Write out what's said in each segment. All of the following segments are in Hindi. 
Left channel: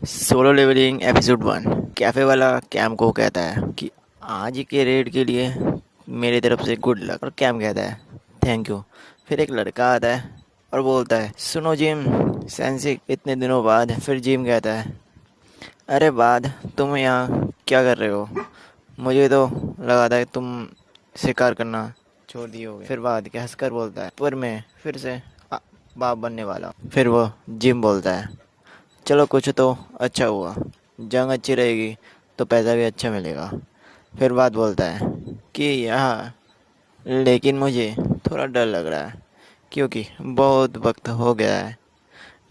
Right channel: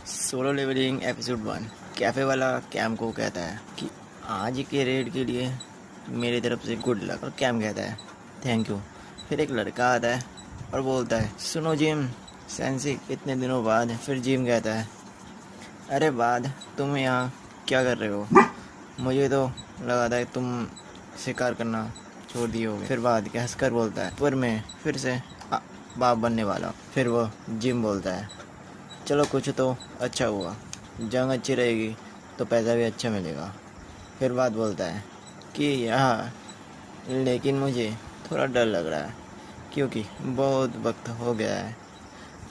Solo leveling episode 1। कैफ़े वाला कैम को कहता है कि आज के रेड के लिए मेरी तरफ से गुड लक। और कैम कहता है थैंक यू। फिर एक लड़का आता है और बोलता है सुनो जिम सेंसिक इतने दिनों बाद। फिर जिम कहता है अरे बाद तुम यहाँ क्या कर रहे हो? मुझे तो लगा था कि तुम शिकार करना छोड़ दिए होगे। फिर बाद के हंसकर बोलता है पर मैं फिर से बाप बनने वाला हूँ। फिर वो जिम बोलता है चलो कुछ तो अच्छा हुआ, जंग अच्छी रहेगी तो पैसा भी अच्छा मिलेगा। फिर बात बोलता है कि यह लेकिन मुझे थोड़ा डर लग रहा है क्योंकि बहुत वक्त हो गया है।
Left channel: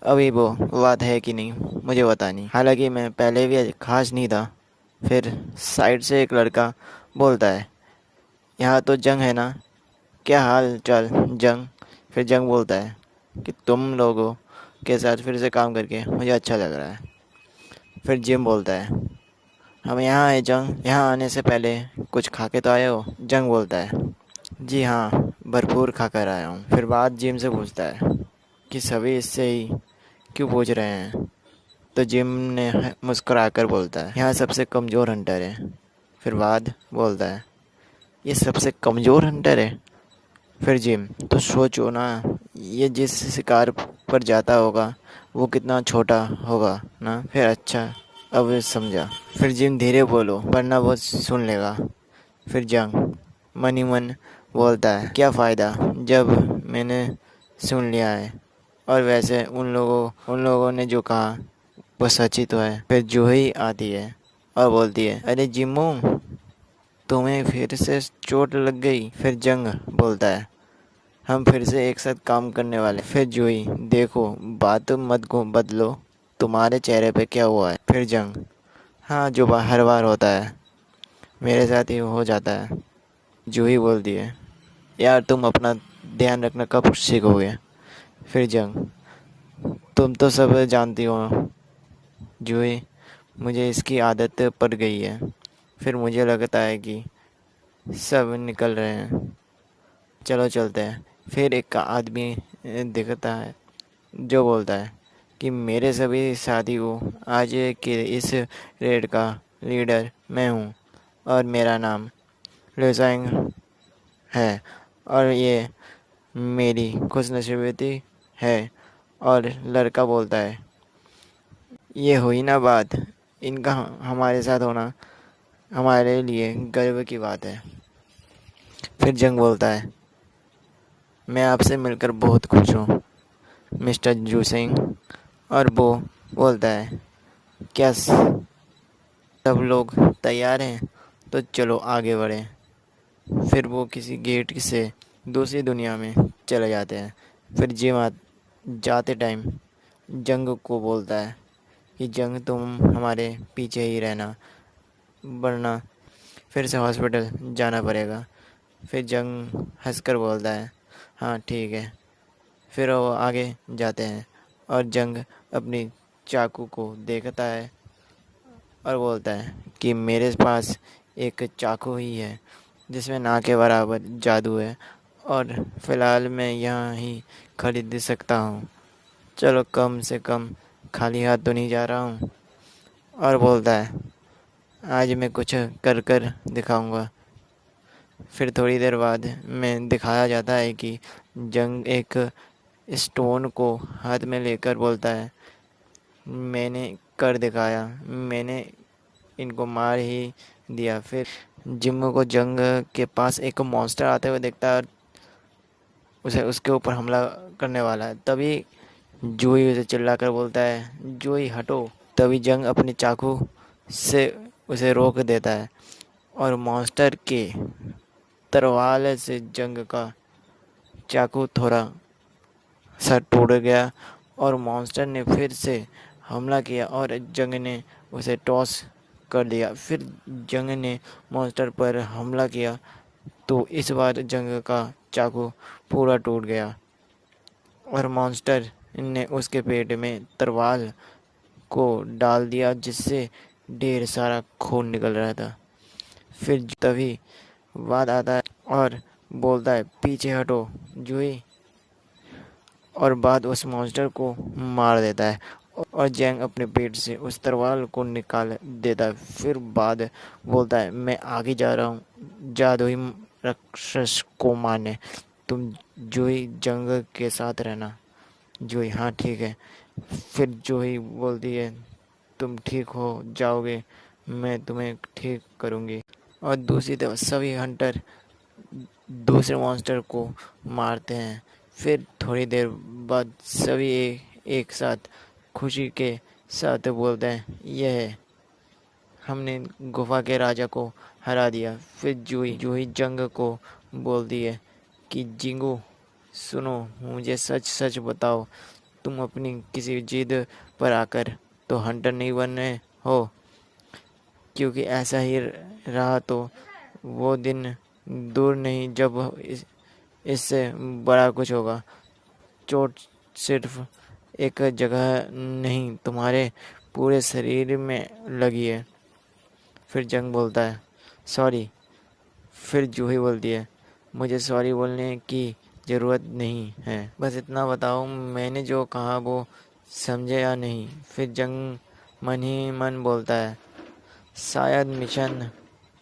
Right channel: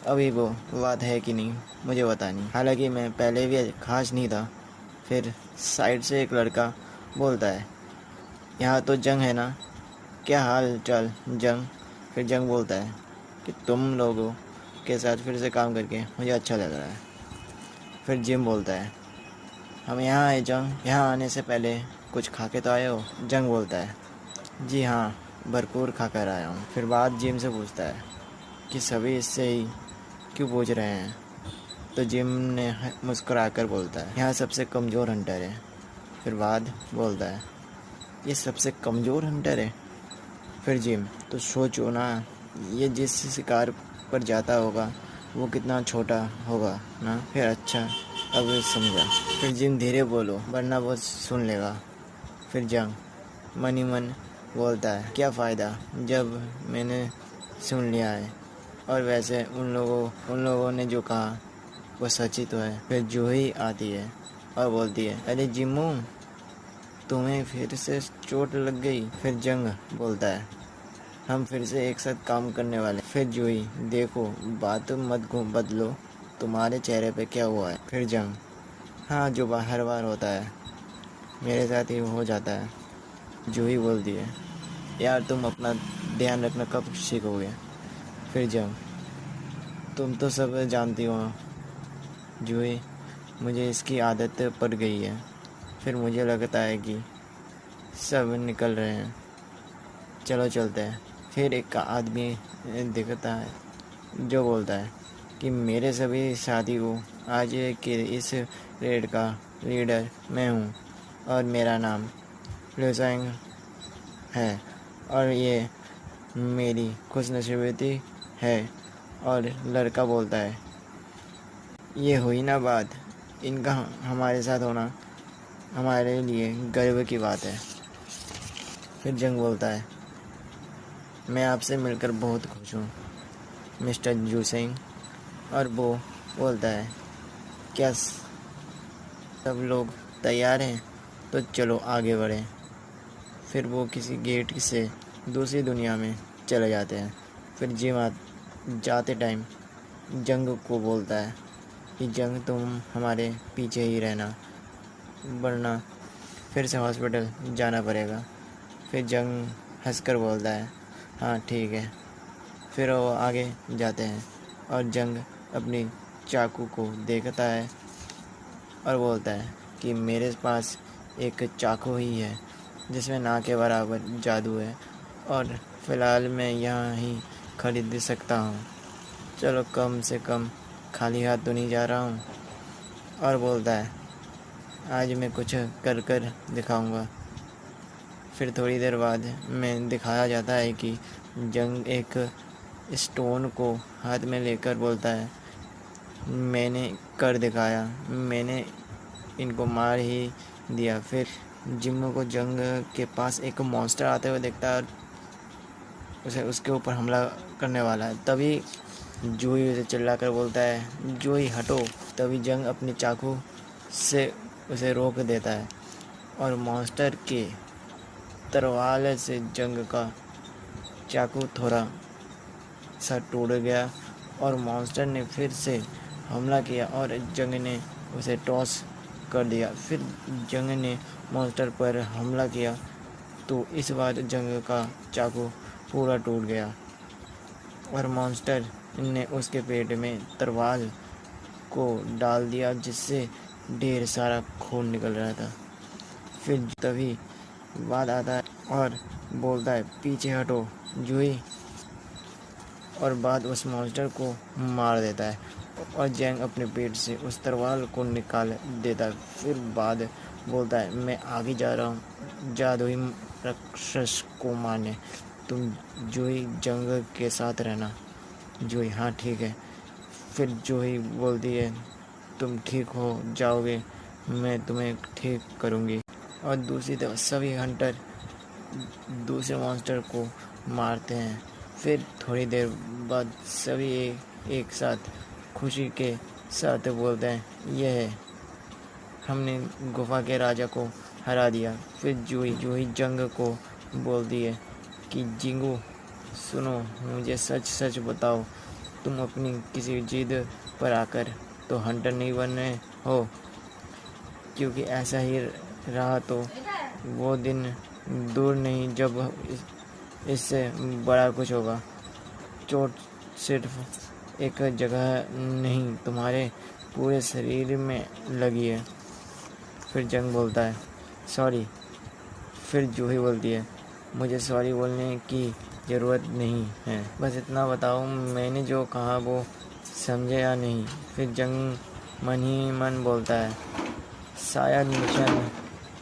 अभी वो बात है कि नहीं मुझे पता नहीं, हालांकि मैं पहले भी खास नहीं था। फिर साइड से एक लड़का बोलता है यहाँ तो जंग है ना, क्या हाल चाल जंग? फिर जंग बोलता है कि तुम लोगों के साथ फिर से काम करके मुझे अच्छा लग रहा है। फिर जिम बोलता है हम यहाँ आए जंग, यहाँ आने से पहले कुछ खा के तो आए हो? जंग बोलता है जी हाँ भरपूर खा कर आया हूँ। फिर बात जिम से पूछता है कि सभी इससे ही क्यों पूछ रहे हैं? तो जिम ने मुस्कुरा कर बोलता है यहाँ सबसे कमज़ोर हंटर है। फिर बाद बोलता है ये सबसे कमज़ोर हंटर है? फिर जिम तो सोचो ना, ये जिस शिकार पर जाता होगा वो कितना छोटा होगा ना। फिर अच्छा अब समझा। फिर जिम धीरे बोलो वरना वो सुन लेगा। फिर जंग मन ही मन बोलता है क्या फ़ायदा जब मैंने सुन लिया है, और वैसे उन लोगों ने जो कहा वो सच ही तो है। फिर जूही आती है और बोलती है अरे जिम्मू तुम्हें फिर से चोट लग गई? फिर जंग बोलता है हम फिर से एक साथ काम करने वाले। फिर जूही देखो बात मत को बदलो, तुम्हारे चेहरे पे क्या हुआ है? फिर जंग हाँ जो हर बार होता है मेरे साथ ही हो जाता है। जूही बोलती है यार तुम अपना ध्यान रखना कब सीखोगे? फिर जंग तुम तो सब जानती हो जूही, मुझे इसकी आदत पड़ गई है। फिर मुझे लगता है कि सब निकल रहे हैं, चलो चलते हैं। फिर एक आदमी दिखता है जो बोलता है कि मेरे सभी साथी को आज के इस रेड का लीडर मैं हूँ और मेरा नाम लुसांग है और ये मेरी खुशनसीबी है। और लड़का बोलता है ये हुई ना बात, इनका हमारे साथ होना हमारे लिए गर्व की बात है। फिर जंग बोलता है मैं आपसे मिलकर बहुत खुश हूँ मिस्टर जू सिंह। और वो बोलता है क्या सब लोग तैयार हैं? तो चलो आगे बढ़ें। फिर वो किसी गेट से दूसरी दुनिया में चले जाते हैं। फिर जिम जाते टाइम जंग को बोलता है कि जंग तुम हमारे पीछे ही रहना वरना फिर से हॉस्पिटल जाना पड़ेगा। फिर जंग हंसकर बोलता है हाँ ठीक है। फिर वो आगे जाते हैं और जंग अपनी चाकू को देखता है और बोलता है कि मेरे पास एक चाकू ही है जिसमें ना के बराबर जादू है और फ़िलहाल मैं यहाँ ही खरीद सकता हूँ। चलो कम से कम खाली हाथ तो नहीं जा रहा हूँ। और बोलता है आज मैं कुछ कर कर दिखाऊंगा। फिर थोड़ी देर बाद में दिखाया जाता है कि जंग एक स्टोन को हाथ में लेकर बोलता है मैंने कर दिखाया, मैंने इनको मार ही दिया। फिर जिम्मो को जंग के पास एक मॉन्स्टर आते हुए देखता है और उसे उसके ऊपर हमला करने वाला है। तभी जूही उसे चिल्लाकर बोलता है जूही हटो। तभी जंग अपनी चाकू से उसे रोक देता है और मॉन्स्टर के तरवाले से जंग का चाकू थोड़ा सा टूट गया और मॉन्स्टर ने फिर से हमला किया और जंग ने उसे टॉस कर दिया। फिर जंग ने मॉन्स्टर पर हमला किया तो इस बार जंग का चाकू पूरा टूट गया और मॉन्स्टर ने उसके पेट में तलवार को डाल दिया जिससे ढेर सारा खून निकल रहा था। फिर तभी बाद आता है और बोलता है पीछे हटो जूही, और बाद उस मॉन्स्टर को मार देता है और जैंग अपने पेट से उस तलवार को निकाल देता है। फिर बाद बोलता है, मैं आगे जा रहा हूँ जादुई राक्षस को मारने। तुम जूही जंग के साथ रहना। जूही, हाँ ठीक है। फिर जूही बोलती है, तुम ठीक हो जाओगे, मैं तुम्हें ठीक करूँगी। और दूसरी तरफ सभी हंटर दूसरे मॉन्स्टर को मारते हैं। फिर थोड़ी देर बाद सभी एक साथ खुशी के साथ बोलते हैं, यह है, हमने गुफा के राजा को हरा दिया। फिर जूही जंग को बोलती है कि जिंगू सुनो, मुझे सच सच बताओ, तुम अपनी किसी जिद पर आकर तो हंटर नहीं बने हो? क्योंकि ऐसा ही रहा तो वो दिन दूर नहीं जब इससे बड़ा कुछ होगा। चोट सिर्फ एक जगह नहीं, तुम्हारे पूरे शरीर में लगी है। फिर जंग बोलता है, सॉरी। फिर जूही बोलती है, मुझे सॉरी बोलने की ज़रूरत नहीं है, बस इतना बताओ मैंने जो कहा वो समझे या नहीं। फिर जंग मन ही मन बोलता है, शायद मिशन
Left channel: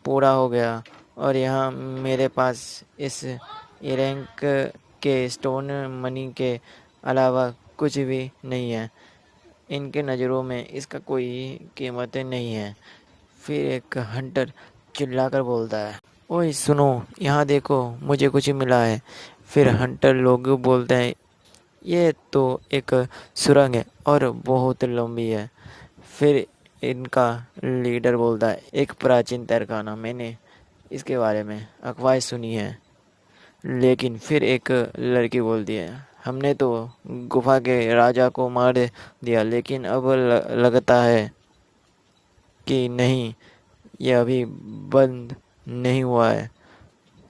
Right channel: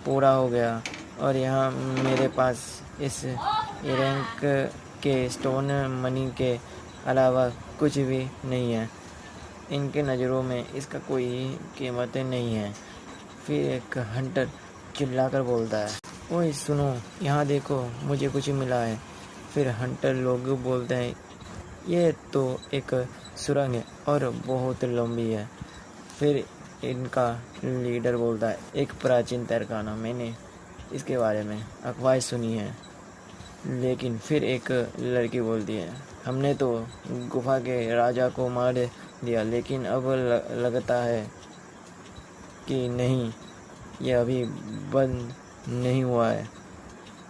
पूरा हो गया और यहाँ मेरे पास इस इरैंक के स्टोन मनी के अलावा कुछ भी नहीं है। इनके नज़रों में इसका कोई कीमत नहीं है। फिर एक हंटर चिल्लाकर बोलता है, ओए सुनो, यहाँ देखो, मुझे कुछ मिला है। फिर हंटर लोग बोलते हैं, ये तो एक सुरंग है और बहुत लंबी है। फिर इनका लीडर बोलता है, एक प्राचीन तहखाना, मैंने इसके बारे में अफवाहें सुनी है। लेकिन फिर एक लड़की बोलती है, हमने तो गुफा के राजा को मार दिया, लेकिन अब लगता है कि नहीं, ये अभी बंद नहीं हुआ है।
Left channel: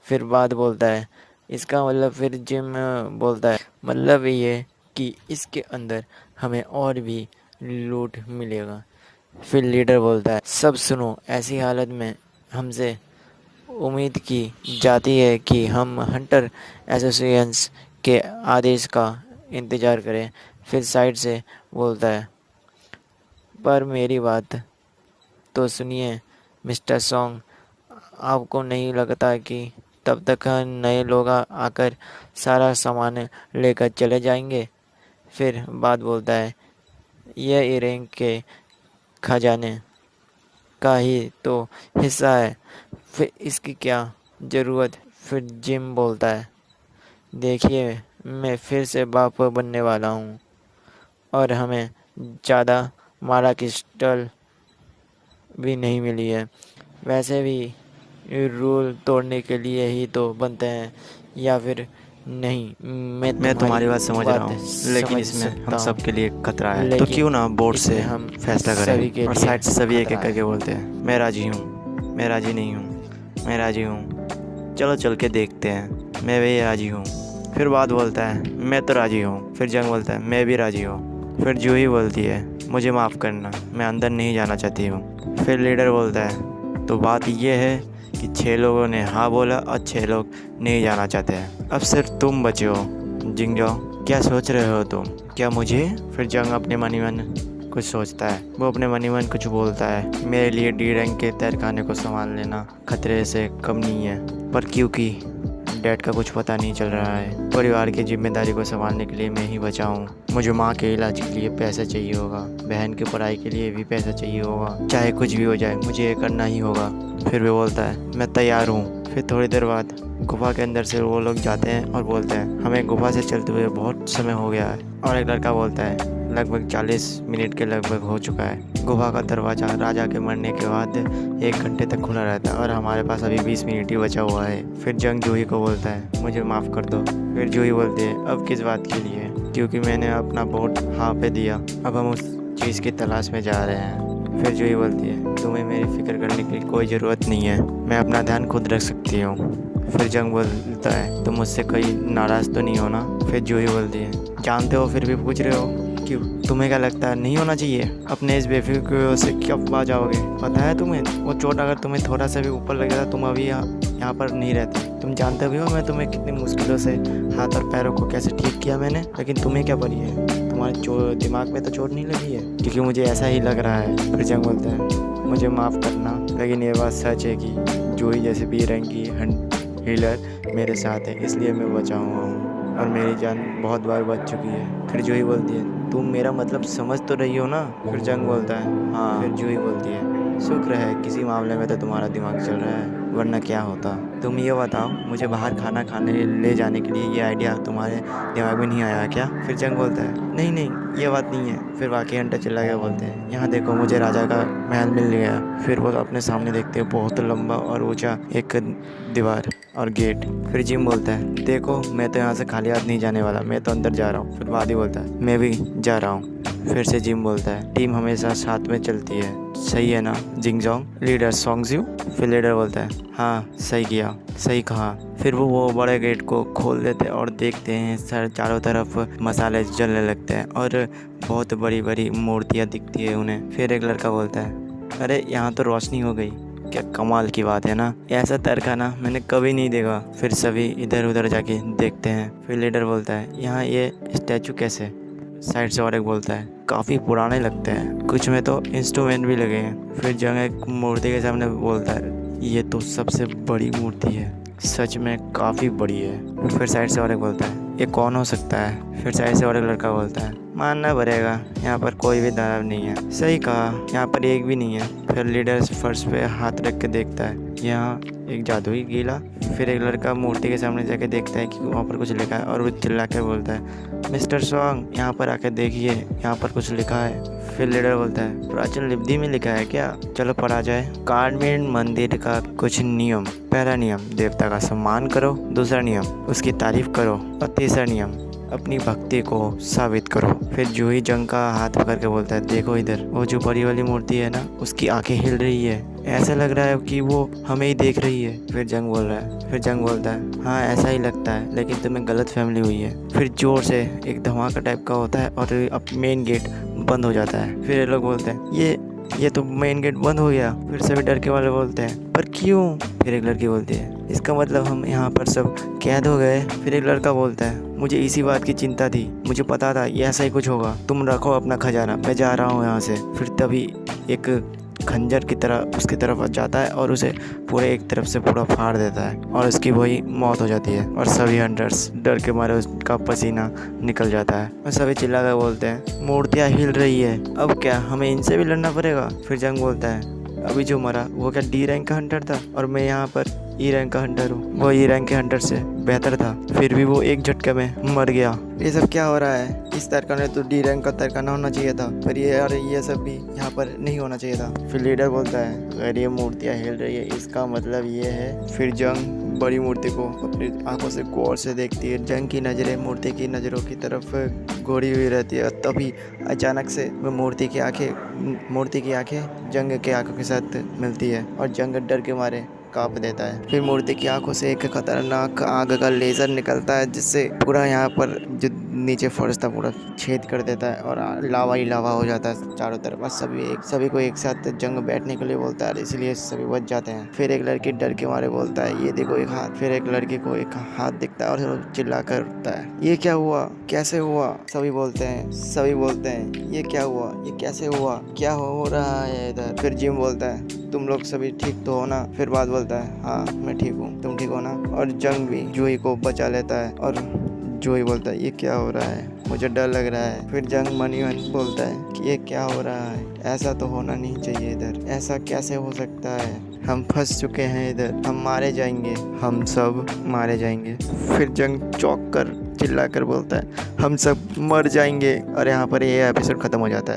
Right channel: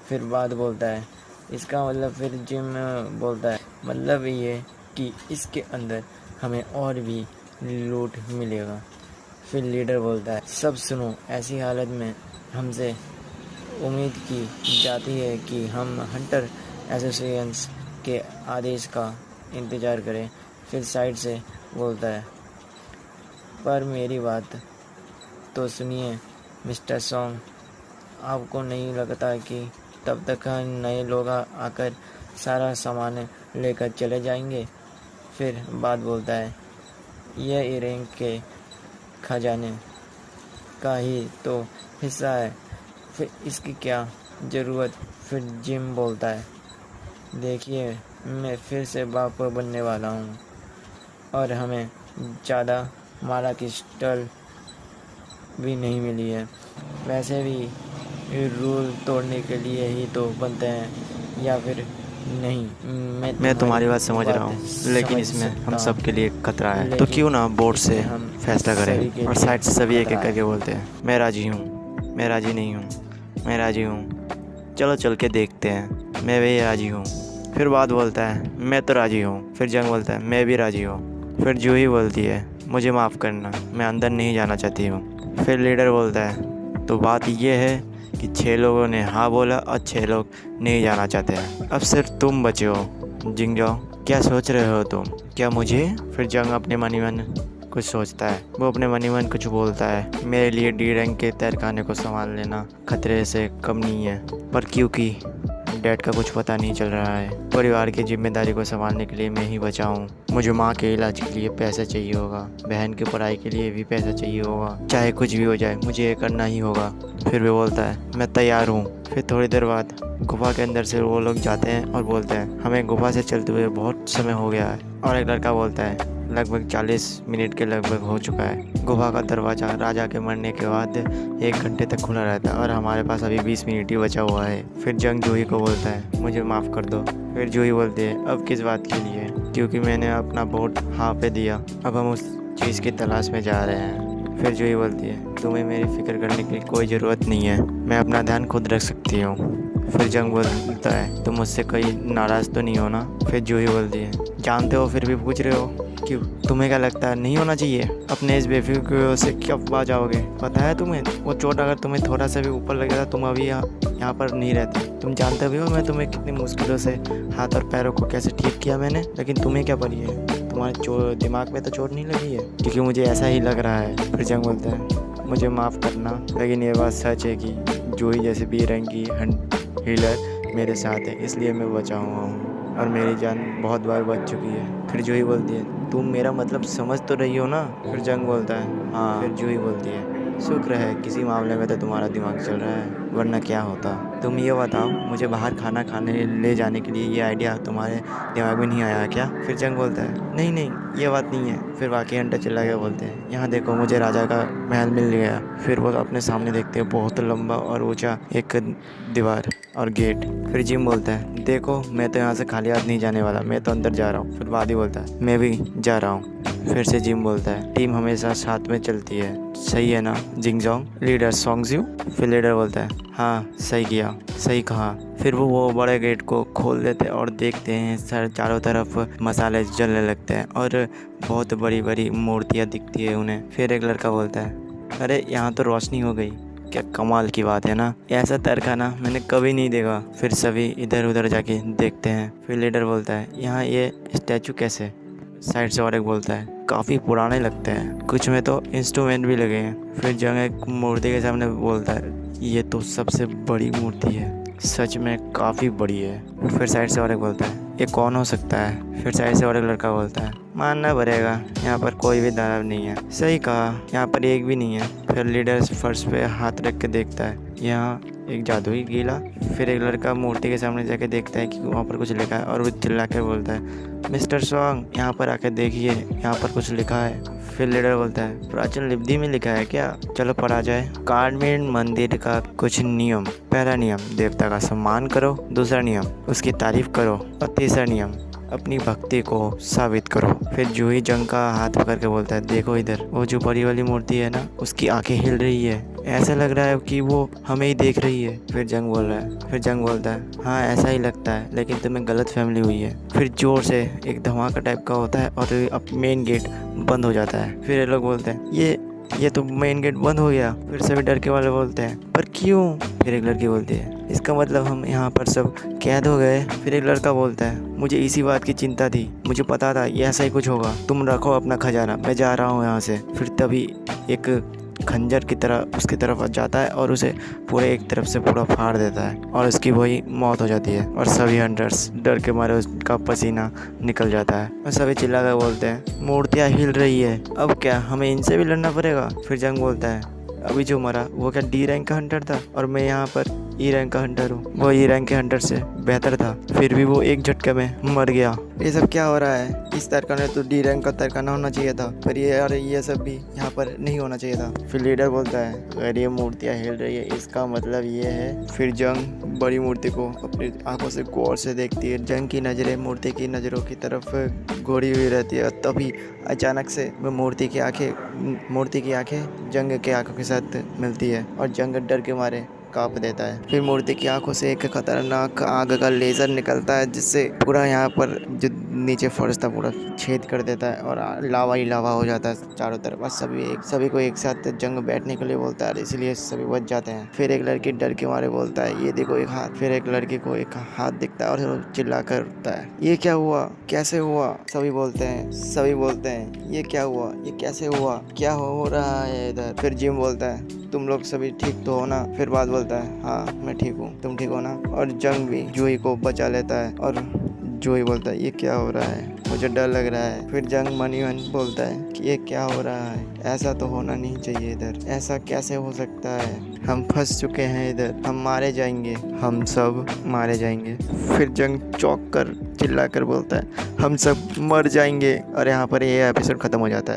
फिर बात बोलता है, इसका मतलब? फिर जिम बोलता है, मतलब ये कि इसके अंदर हमें और भी लूट मिलेगा। फिर लीडर बोलता है, सब सुनो, ऐसी हालत में हमसे उम्मीद की जाती है कि हम हंटर एसोसिएशंस के आदेश का इंतज़ार करें। फिर साइड से बोलता है, पर मेरी बात तो सुनिए मिस्टर सॉन्ग, आपको नहीं लगता कि तब तक नए लोग आकर सारा सामान लेकर चले जाएंगे? फिर बात बोलता है, यह इरैंक के खजाने का ही तो हिस्सा है, फिर इसकी क्या ज़रूरत? फिर जिम बोलता है, देखिए, मैं फिर से बाप बनने वाला हूँ और हमें ज़्यादा मारा क्रिस्टल भी नहीं मिली है। वैसे भी रूल तोड़ने के लिए ही तो बनते हैं, या फिर नहीं। मैं तुम्हारी बात समझ रहा हूँ, लेकिन इसमें हम सब के लिए खतरा है, तो क्यों ना बोर्ड से हम फैसला करें? और साइड से सभी एक एक करके बोलते हैं, मैं राजी हूँ, मैं राजी नहीं हूँ, मैं राजी हूँ, चलो चल के देखते हैं, मैं भी राजी हूँ। फिर बात बोलता है, मैं तो राजी हूँ। फिर जंग बोलता है, मैं भी राजी हूँ। फिर जूही बोलती है, मुझे माफ़ करना, मैं अंदर नहीं जाना चाहती हूँ। फिर लीडर बोलता है, तो बात ये है कि 6 लोगों ने हाँ बोला और 6 लोग नहीं जाना चाहते हैं। अब सिर्फ तुम बचे हो। जिंगजो, क्या सोच रहे हो तुम? क्या मुझे? फिर जंग अपने मन ही मन कुछ सोचता है, वो अपने मन ही मन कुछ बोलता है, मेरे लिए डी रैंक के तहखाने को संभाल लेना खतरे से कम नहीं है, पर क्योंकि डैड का कुछ पता नहीं चल रहा है, परिवार की जिम्मेदारी को संभालने के लिए मैं ही बचा हूँ। मुझे माँ के इलाज के लिए पैसा चाहिए होगा, बहन की पढ़ाई के लिए भी पैसा चाहिए होगा, चाहे कुछ भी हो जाए मुझे ये करना ही होगा। फिर वो बोलता है, मैं तैयार हूँ। फिर थोड़ी देर बाद गुफा के अंदर से वो लोग जाते हैं और बोलते हैं, हमें गुफा से चलते हुए बहुत समय हो गया है। और एक लड़का बोलता है, लगभग 40 मिनट के लगभग हो चुका है। गुफा का दरवाज़ा राजा के मरने के बाद 1 घंटे तक खुला रहता है और हमारे पास अभी 20 मिनट ही बचा हुआ है। फिर जंग जूही को बोलता है, मुझे माफ़ कर दो। फिर जूही बोलती है, अब किस बात के लिए? क्योंकि मैंने अपना वोट हाँ पे दिया, अब हम उस चीज़ की तलाश में जा रहे हैं। फिर जूही बोलती है, तुम्हें मेरी फ़िक्र करने की कोई ज़रूरत नहीं है, मैं अपना ध्यान खुद रख सकती हूँ। फिर जंग बोलता है, तुम मुझसे कोई नाराज़ तो नहीं हो ना? फिर जूही बोलती है, जानते हो फिर भी पूछ रहे हो? क्यों, तुम्हें क्या लगता है नहीं होना चाहिए? अपने इस बेफिक्र से कब आ जाओगे? पता है तुम्हें, वो चोट अगर तुम्हें थोड़ा सा भी ऊपर लगेगा तुम अभी यहाँ पर नहीं रहते। तुम जानते भी हो मैं तुम्हें कितनी मुश्किलों से हाथ और पैरों को कैसे ठीक किया मैंने, लेकिन तुम्हें क्या पड़ी है? तुम्हारे दिमाग में तो चोट नहीं लगी है? क्योंकि मुझे ऐसा ही लग रहा है। फिर जंग बोलता है मुझे माफ़ करना, लेकिन ये बात सच है कि जूही जैसे बी रैंक की हीलर मेरे साथ है, इसलिए मैं बचा हुआ हूँ और मेरी जान बहुत बार बच चुकी है। फिर जूही बोलती है तुम मेरा मतलब समझ तो रही हो ना? फिर जंग बोलता है हाँ। फिर जूही बोलती है शुक्र है किसी मामले में तो तुम्हारा दिमाग चल रहा है, वरना क्या होता। तुम ये बताओ मुझे बाहर खाना खाने ले जाने के लिए ये आइडिया तुम्हारे दिमाग में नहीं आया क्या? फिर जंग बोलता है नहीं नहीं ये बात नहीं है। फिर बाकी हंटर चिल्ला के बोलते हैं यहाँ देखो मुझे राजा का महल मिल गया। फिर वो अपने सामने देखते हैं बहुत लंबा और ऊंचा एक दीवार और गेट। फिर जिम बोलता है देखो मैं तो यहाँ से खाली हाथ नहीं जाने वाला, मैं तो अंदर जा रहा हूँ। फिर वादी बोलता है मैं भी जा रहा हूँ। फिर से जिम बोलता है टीम हमेशा साथ में चलती है, सही है ना जिंगजोंग? लीडर सोंगज्यू। फिर लीडर बोलता है हाँ सही किया, सही कहा। फिर वो बड़े गेट को खोल देते हैं और देखते हैं सर चारों तरफ मसाले जलने लगते हैं और बहुत बड़ी बड़ी मूर्तियाँ दिखती है उन्हें। फिर एक लड़का बोलता है अरे यहाँ तो रोशनी हो गई, क्या कमाल की बात है ना, ऐसा तरखाना मैंने कभी नहीं देखा। फिर सभी इधर उधर जाके देखते हैं। फिर लीडर बोलता है यहाँ ये स्टैचू कैसे? साइड से और एक बोलता है काफ़ी पुराने लगते हैं, कुछ में तो इंस्ट्रूमेंट भी लगे हैं। फिर जंग एक मूर्ति के सामने बोलता है ये तो सबसे बड़ी मूर्ति है, सच में काफ़ी बड़ी है। फिर साइड से और एक बोलता है ये कौन हो सकता है? फिर साइड से और एक लड़का बोलता है मानना पड़ेगा यहाँ पर कोई भी दानव नहीं है, सही कहा यहाँ पर एक भी नहीं है। फिर लीडर फर्श पे हाथ रख के देखता है यहाँ एक जादुई गीला। फिर एक लड़का मूर्ति के सामने जाके देखता है कि वहाँ पर कुछ लिखा है और वो चिल्ला कर बोलता है मिस्टर सॉन्ग यहाँ पर आकर देखिए यहाँ पर कुछ लिखा है। फिर लीडर बोलता है प्राचीन लिपि में लिखा है क्या? चलो पढ़ा जाए। कार्डमेन मंदिर का कुछ नियम। पहला नियम देवता का सम्मान करो, दूसरा नियम उसकी तारीफ करो और तीसरा नियम अपनी भक्ति को साबित करो। फिर जूही जंग का हाथ पकड़ के बोलता है देखो इधर वो जो बड़ी वाली मूर्ति है ना उसकी आंखें हिल रही है, ऐसा लग रहा है कि वो हमें ही देख रही है। फिर जंग बोलता है हाँ ऐसा ही लगता है, लेकिन तुम्हें गलत फहमी हुई है। फिर जोर से एक धमाका टाइप का होता है और अब मेन गेट बंद हो जाता है। फिर ये लोग बोलते हैं ये तो मेन गेट बंद हो गया। फिर सभी डर के वाले बोलते हैं पर क्यों? फिर एक लड़की बोलती है इसका मतलब हम यहाँ पर सब कैद हो गए। फिर एक लड़का बोलता है मुझे इसी बात की चिंता थी, मुझे पता था ये ऐसा ही कुछ होगा, तुम रखो अपना खजाना, मैं जा रहा हूँ यहाँ से। फिर तभी एक खंजर की तरह उसकी तरफ जाता है और उसे पूरे एक तरफ से पूरा फाड़ देता है और उसकी वही मौत हो जाती है और सभी हंटर्स डर के मारे उसका पसीना निकल जाता है और सभी चिल्ला कर बोलते हैं मूर्तियाँ हिल रही है, अब क्या हमें इनसे भी लड़ना पड़ेगा? फिर जंग बोलता है अभी जो मरा वो क्या डी रैंक का हंटर था और मैं यहाँ पर ई रैंक का हंटर हूँ, वो ई रैंक के हंटर से बेहतर था, फिर भी वो एक झटके में मर गया। ये सब क्या हो रहा है? इस तरखाने तो डी रैंक का तरखाना होना चाहिए था, पर ये सब भी यहाँ पर नहीं होना चाहिए था। फिर लीडर बोलता है अगर ये मूर्तियाँ हिल रही है इसका मतलब ये है। फिर जंग बड़ी मूर्ति को अपनी आंखों से गौर से देखती है। जंग की नज़रें मूर्ति की नज़रों की तरफ घोड़ी हुई रहती है। तभी अचानक से वो मूर्ति की आंखें जंग के आंखों के साथ मिलती है और जंग डर के मारे कांप देता है। फिर मूर्ति की आंखों से एक खतरनाक आग का लेज़र निकलता है जिससे पूरा यहाँ पर जो नीचे फर्श था पूरा छेद कर देता है और लावा ही लावा हो जाता है चारों तरफ। और सभी को एक साथ जंग बैठने के लिए बोलता है, इसलिए सभी बच जाते हैं। फिर एक लड़की डर के मारे बोलता है ये देखो एक हाथ। फिर एक लड़की को एक हाथ दिखता है और चिल्ला कर उठता है ये क्या हुआ, कैसे हुआ? सभी बोलते हैं ये क्या हुआ, ये कैसे हुआ, क्या हो रहा है इधर? फिर जिम बोलता है तुम लोग सभी ठीक तो हो ना? फिर बात बोलता है हाँ मैं ठीक हूँ, तुम ठीक हो ना? और जंग भी जूही को बचा लेता है और जूही बोलता है ये क्या हो रहा है, मुझे डर लग रहा है। फिर जंग मनी बोलता है कि ये क्या हो रहा है, ऐसा तो होना नहीं चाहिए इधर, ऐसा कैसे हो सकता है, हम फंस चुके हैं इधर, हम मारे जाएंगे, हम सब मारे जाएंगे। फिर जंग चौंक कर चिल्ला कर बोलता है हम सब मर जाएंगे और यहाँ पर ये एपिसोड ख़त्म हो जाता है।